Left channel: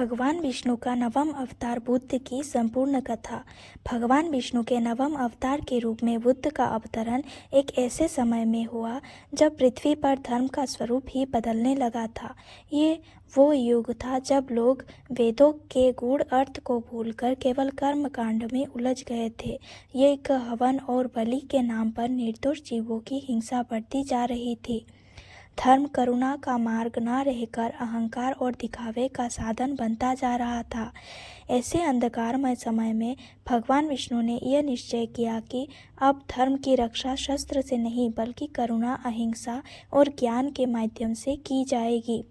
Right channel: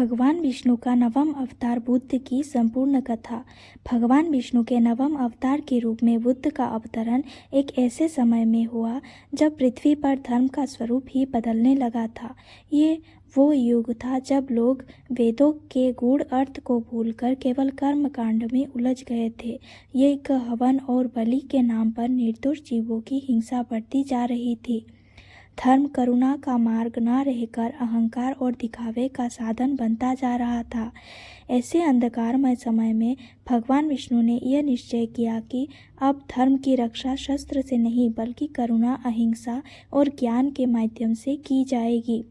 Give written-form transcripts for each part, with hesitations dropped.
भगवान विष्णु का नवम अवतार बुद्ध की संपूर्ण कथा। भगवान विष्णु के नवम अवतार के रूप में बुद्ध का अवतरण एक ऐसे समय में हुआ जब पृथ्वी पर धर्म का स्वरूप ही बदलने लगा था। ये वो युग था जब लोग वेदों के गूढ़ अर्थ को भूलकर केवल कर्म कांड में उलझ गए थे। यज्ञ, हवन और बलि के नाम पर निर्दोष जीवों की हिंसा बढ़ती जा रही थी। धर्म करुणा का मार्ग न रहकर अहंकार और दिखावे का साधन बनता जा रहा था। ऐसे अंधकारमय समय में भगवान विष्णु ने यह निश्चय किया कि अब धर्म की रक्षा शस्त्र से नहीं बल्कि करुणा, अहिंसा और ज्ञान के माध्यम से की जाएगी।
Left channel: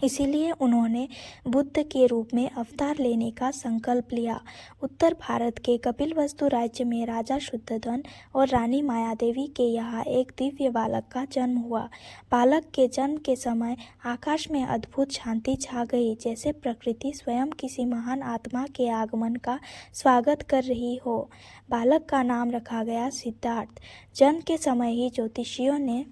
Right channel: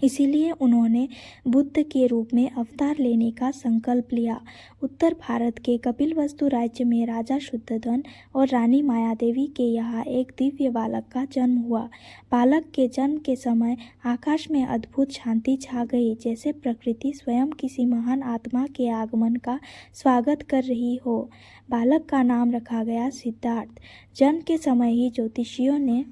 इसीलिए उन्होंने बुद्ध के रूप में अवतार लेने का संकल्प लिया। उत्तर भारत के कपिलवस्तु राज्य में राजा शुद्धोधन और रानी मायादेवी के यहाँ एक दिव्य बालक का जन्म हुआ। बालक के जन्म के समय आकाश में अद्भुत शांति छा गई, जैसे प्रकृति स्वयं किसी महान आत्मा के आगमन का स्वागत कर रही हो। बालक का नाम रखा गया सिद्धार्थ। जन्म के समय ही ज्योतिषियों ने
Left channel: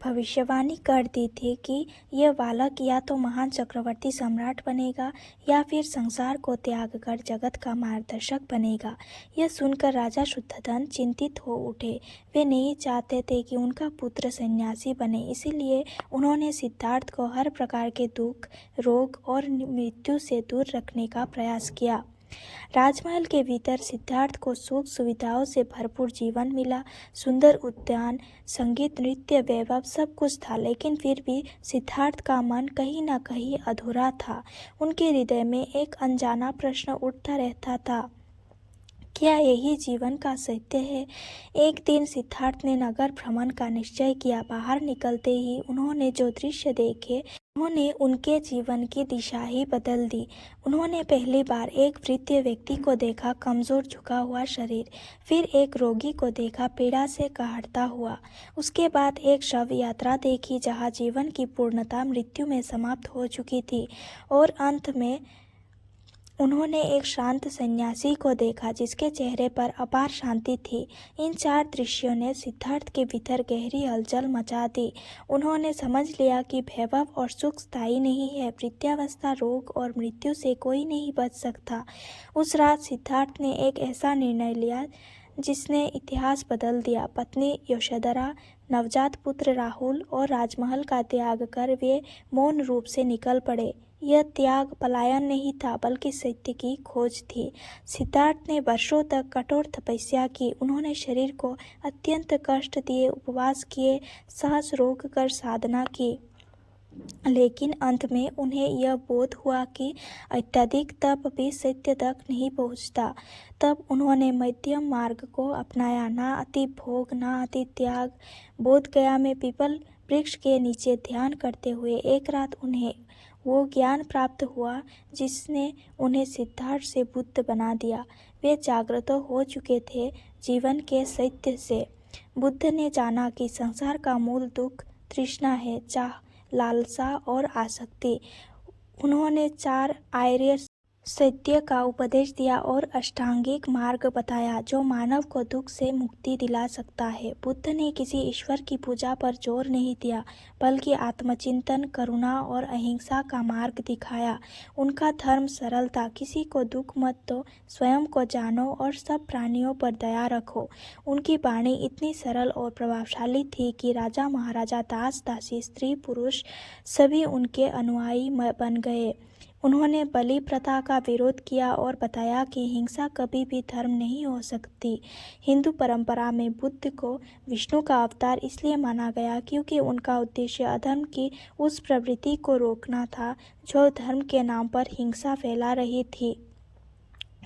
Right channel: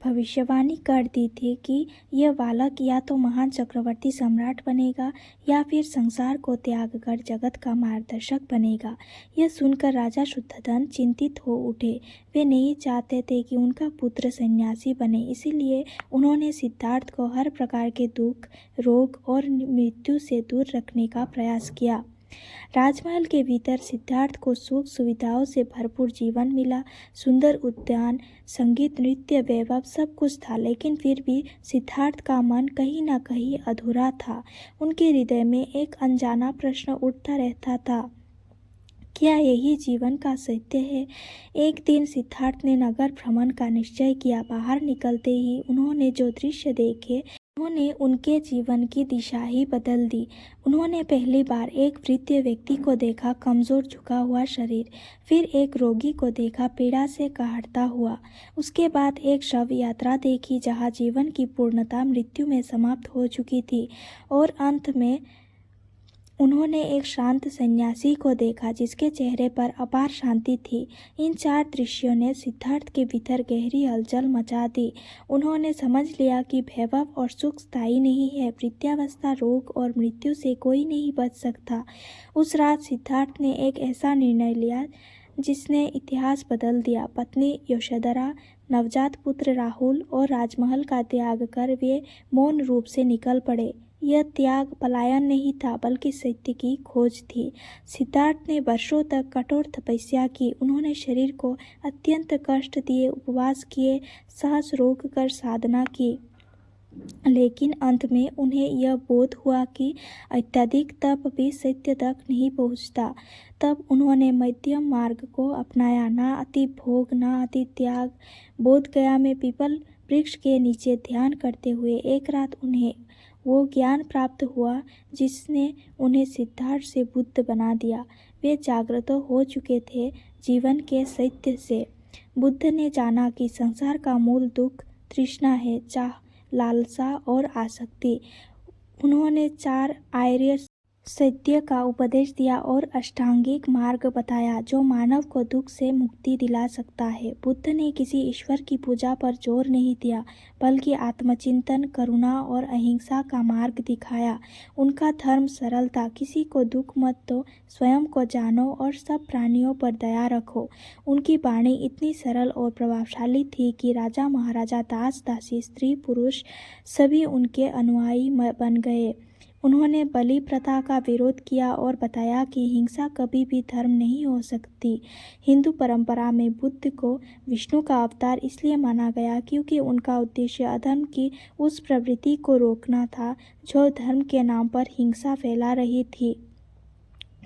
भविष्यवाणी कर दी थी कि यह बालक या तो महान चक्रवर्ती सम्राट बनेगा या फिर संसार को त्याग कर जगत का मार्गदर्शक बनेगा। यह सुनकर राजा शुद्धोधन चिंतित हो उठे। वे नहीं चाहते थे कि उनका पुत्र सन्यासी बने, इसीलिए उन्होंने सिद्धार्थ को हर प्रकार के दुख, रोग और मृत्यु से दूर रखने का प्रयास किया। राजमहल के भीतर सिद्धार्थ को सुख सुविधाओं से भरपूर जीवन मिला। सुंदर उद्यान, संगीत, नृत्य, वैभव सब कुछ था, लेकिन फिर भी सिद्धार्थ का मन कहीं न कहीं अधूरा था। उनके हृदय में एक अनजाना प्रश्न उठता रहता था, क्या यही जीवन का सत्य है? एक दिन सिद्धार्थ ने नगर भ्रमण का निश्चय किया। बाहर निकलते ही उन्होंने जो दृश्य देखे उन्होंने उनके जीवन की दिशा ही बदल दी। उन्होंने पहली बार एक वृद्ध व्यक्ति को देखा, कमजोर झुका हुआ शरीर। फिर एक रोगी को देखा, पीड़ा से कहरता हुआ। उसके बाद एक शव यात्रा देखी, जहाँ जीवन की पूर्णता मृत्यु में समाप्त हो चुकी थी। और अंत में उन्होंने एक शांत सन्यासी को देखा, जिसके चेहरे पर अपार शांति थी। इन चार दृश्यों ने सिद्धार्थ के भीतर गहरी हलचल मचा दी। उन्होंने समझ लिया कि वैभव और सुख स्थायी नहीं है। वृद्धावस्था, रोग और मृत्यु से कोई नहीं बच सकता। उस रात सिद्धार्थ ने एक ऐसा निर्णय लिया जिसने इतिहास बदल दिया। पत्नी यशोधरा, नवजात पुत्र राहुल और राजमहल का त्याग कर वे मौन रूप से निकल पड़े। यह त्याग पलायन नहीं था, बल्कि सत्य की खोज थी। सिद्धार्थ ने वर्षों तक कठोर तपस्या की। उन्होंने शरीर को अत्यंत कष्ट दिए, उपवास किए, सांस रोक कर साधना की। लेकिन अंत में उन्हें यह बोध हुआ कि अत्यधिक तप भी सत्य तक नहीं पहुंचता। तब उन्होंने मध्यम मार्ग को अपनाया, ना अति भोग, ना अति त्याग। बोध गया में पीपल वृक्ष के नीचे ध्यान करते हुए एक रात उन्हें वो ज्ञान प्राप्त हुआ जिसने उन्हें सिद्धार्थ से बुद्ध बना दिया। वे जागृत हो चुके थे जीवन के सत्य से। बुद्ध ने जाना कि संसार का मूल दुख तृष्णा है, चाह, लालसा और आसक्ति। उन्होंने चार आर्य सत्य का उपदेश दिया और अष्टांगिक मार्ग बताया जो मानव को दुख से मुक्ति दिला सकता है। बुद्ध ने किसी ईश्वर की पूजा पर जोर नहीं दिया, बल्कि आत्मचिंतन, करुणा और अहिंसा का मार्ग दिखाया। उनका धर्म सरल था, किसी को दुख मत दो, स्वयं को जानो और सब प्राणियों पर दया रखो। उनकी वाणी इतनी सरल और प्रभावशाली थी कि राजा, महाराजा, दास, दासी, स्त्री, पुरुष सभी उनके अनुयायी बन गए। उन्होंने बलि प्रथा का विरोध किया और बताया कि हिंसा कभी भी धर्म नहीं हो सकती। हिंदू परंपरा में बुद्ध को विष्णु का अवतार इसलिए माना गया क्योंकि उनका उद्देश्य अधर्म की उस प्रवृत्ति को रोकना था जो धर्म के नाम पर हिंसा फैला रही थी।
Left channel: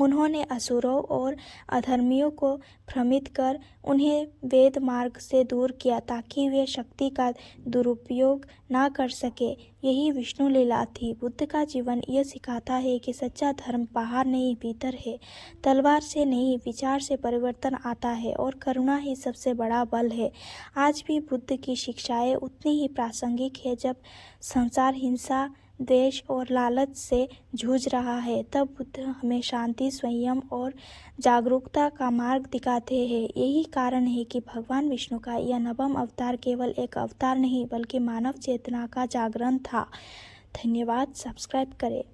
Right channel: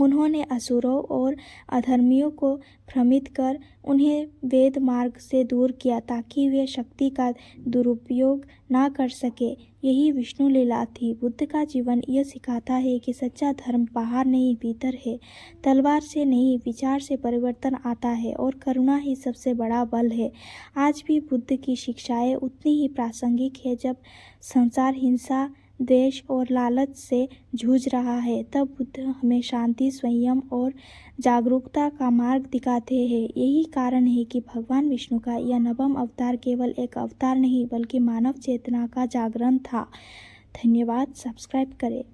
उन्होंने असुरों और अधर्मियों को भ्रमित कर उन्हें वेद मार्ग से दूर किया ताकि वे शक्ति का दुरुपयोग ना कर सके। यही विष्णु लीला थी। बुद्ध का जीवन यह सिखाता है कि सच्चा धर्म बाहर नहीं, भीतर है। तलवार से नहीं, विचार से परिवर्तन आता है और करुणा ही सबसे बड़ा बल है। आज भी बुद्ध की शिक्षाएं उतनी ही प्रासंगिक है। जब संसार हिंसा, द्वेष और लालच से जूझ रहा है, तब बुद्ध हमें शांति, संयम और जागरूकता का मार्ग दिखाते हैं। यही कारण है कि भगवान विष्णु का यह नवम अवतार केवल एक अवतार नहीं, बल्कि मानव चेतना का जागरण था। धन्यवाद। सब्सक्राइब करें।